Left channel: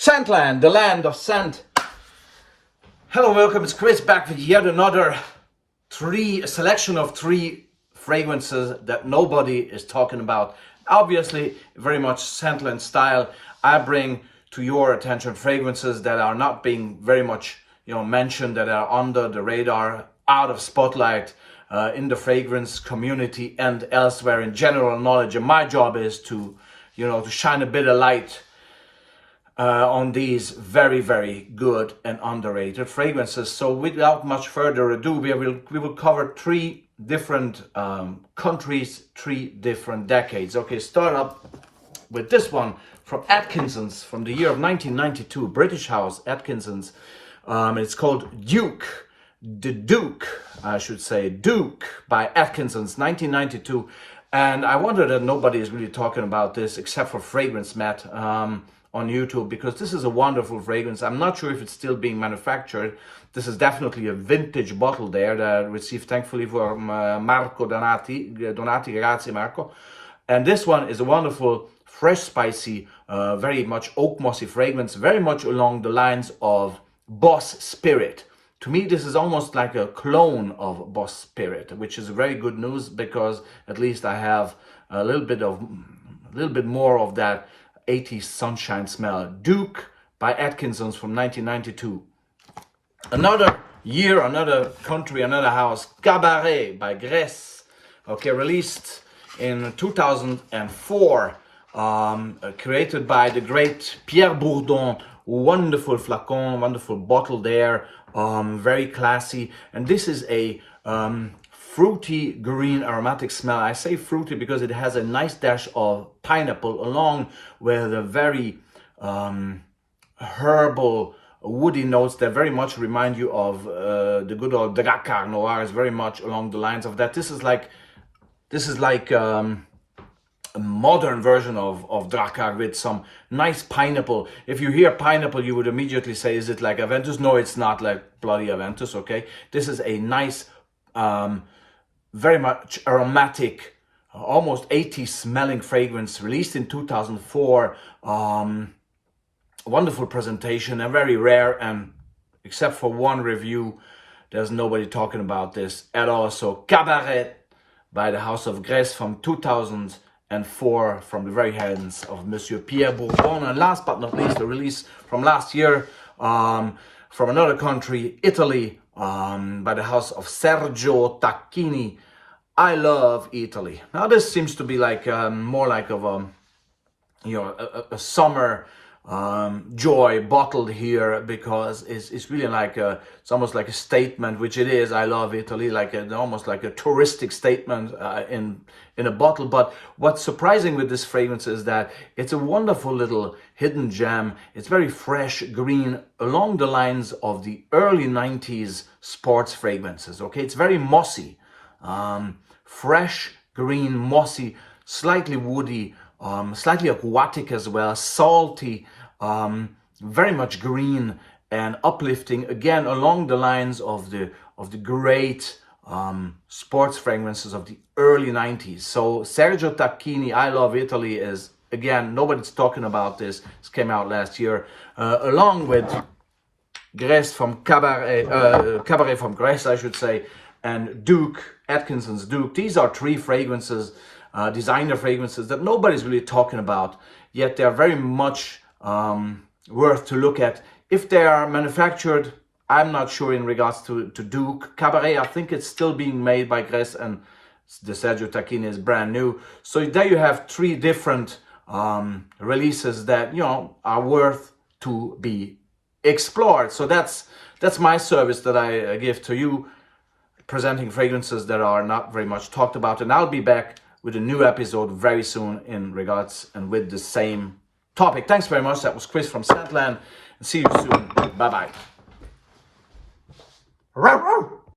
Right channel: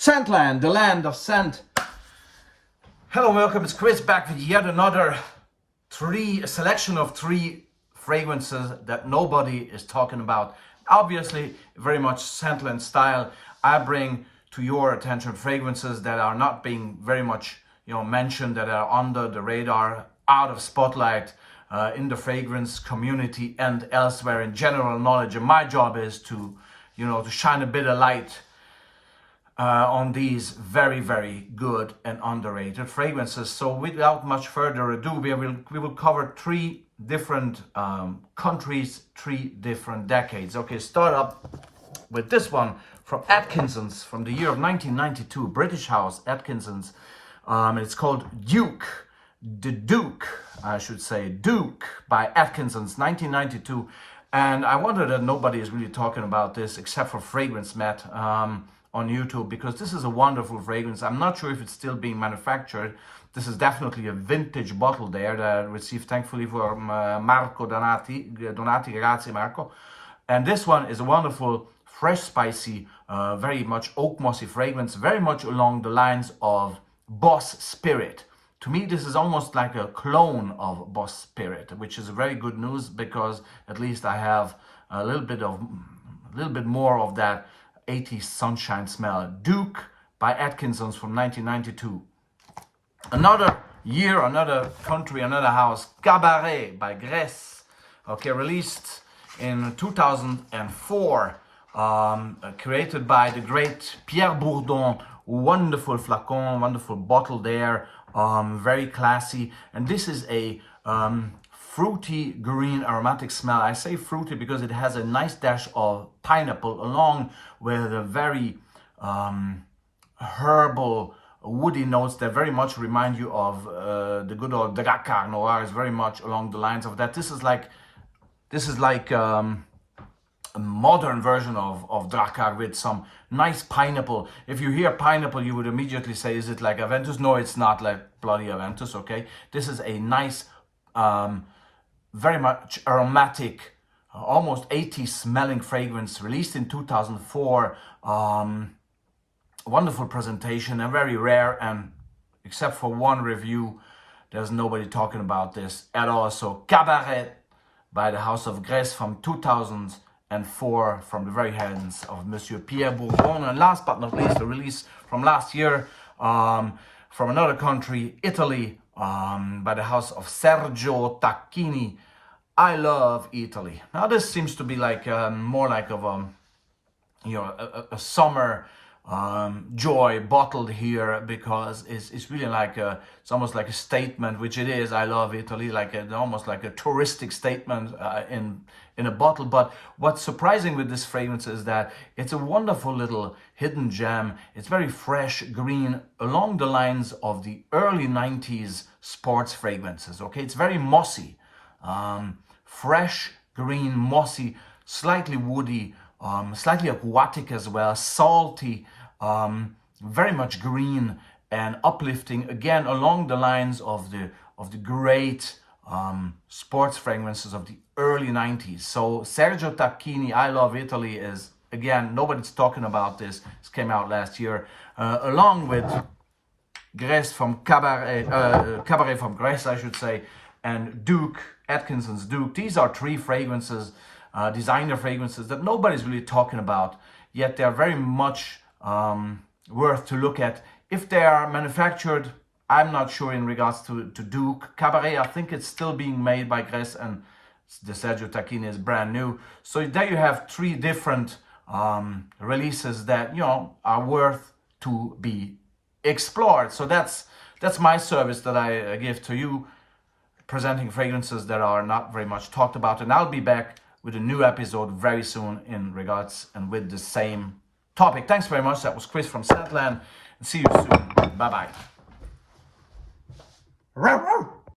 Scentland, the land of scent. Hello and welcome, it's Chris back with yet another selection of three fragrances that nobody is talking about. Obviously, very much Scentland style. I bring to your attention fragrances that are not being very much mentioned, that are under the radar, out of spotlight in the fragrance community and elsewhere in general knowledge. And my job is to shine a bit of light on these very, very good and underrated fragrances. So without much further ado, we will cover three different countries, three different decades. Okay, start up with this one from Atkinson's from the year of 1992, British house Atkinson's. It's called Duke, the Duke, I should say, Duke by Atkinson's, 1992. And I wonder that nobody is really talking about this except for Fragrance Matt on YouTube, because this is a wonderful fragrance. I'm not sure if it's still being manufactured. This is definitely a vintage bottle there that I received thankfully from Marco Donati, grazie Marco. And this one is a wonderful, fresh, spicy, very much oak mossy fragrance, very much along the lines of Boss Spirit. To me, this is almost like a clone of Boss Spirit, which is very good news, because at least I have a little bit more of that 80s sunshine smell. Duke by Atkinson's from 1992. Another year, another country, another house, Cabaret by Grèce. Okay, released in 2004, created by the great Pierre Bourdon. Wonderful flacon, wonderful bottle there, very classy. And this is a fruity green aromatic smell. I say fruity because it has a nice dash of pineapple along with a very herbal, woody notes that very much remind you of the good old Drakkar Noir. Is very much along the lines of that. This is like a modern version of Drakkar with some nice pineapple. If you hear pineapple, you would immediately say, is it like Aventus? No, it's not like bloody Aventus, okay? This is a nice, very much aromatic, almost 80s smelling fragrance, released in 2004. Wonderful presentation and very rare, and except for one review, there's nobody talking about this at all. So Cabaret by the House of Grèce from 2004, from the very hands of Monsieur Pierre Bourdon. And last but not least, a release from last year from another country, Italy, by the house of Sergio Tacchini. I love Italy. Now this seems to be like more like of a summer joy bottled here, because it's really like it's almost like a statement, which it is. I love Italy, like almost like a touristic statement in a bottle. But what's surprising with this fragrance is that it's a wonderful little hidden gem. It's very fresh green, along the lines of the early 90s sports fragrances. Okay, it's very mossy, fresh green, mossy, slightly woody, slightly aquatic as well, salty, very much green and uplifting, again along the lines of the great sports fragrances of the early 90s. So Sergio Tacchini, I Love Italy, is, again, nobody's talking about this. This came out last year, along with Grèce from Cabaret from Grèce, I should say, and Duke, Atkinson's Duke. These are three fragrances, designer fragrances, that nobody's really talking about, yet they're very much worth to look at. If they are manufactured, I'm not sure in regards to Duke. Cabaret, I think it's still being made by Grèce, and the Sergio Tacchini is brand new. So there you have three different releases that are worth to be explored. So that's my service that I give to you, presenting fragrances that are not very much talked about. And I'll be back with a new episode very soon in regards and with the same topic. Thanks very much. That was Chris from Scentland, and see you soon. Bye-bye.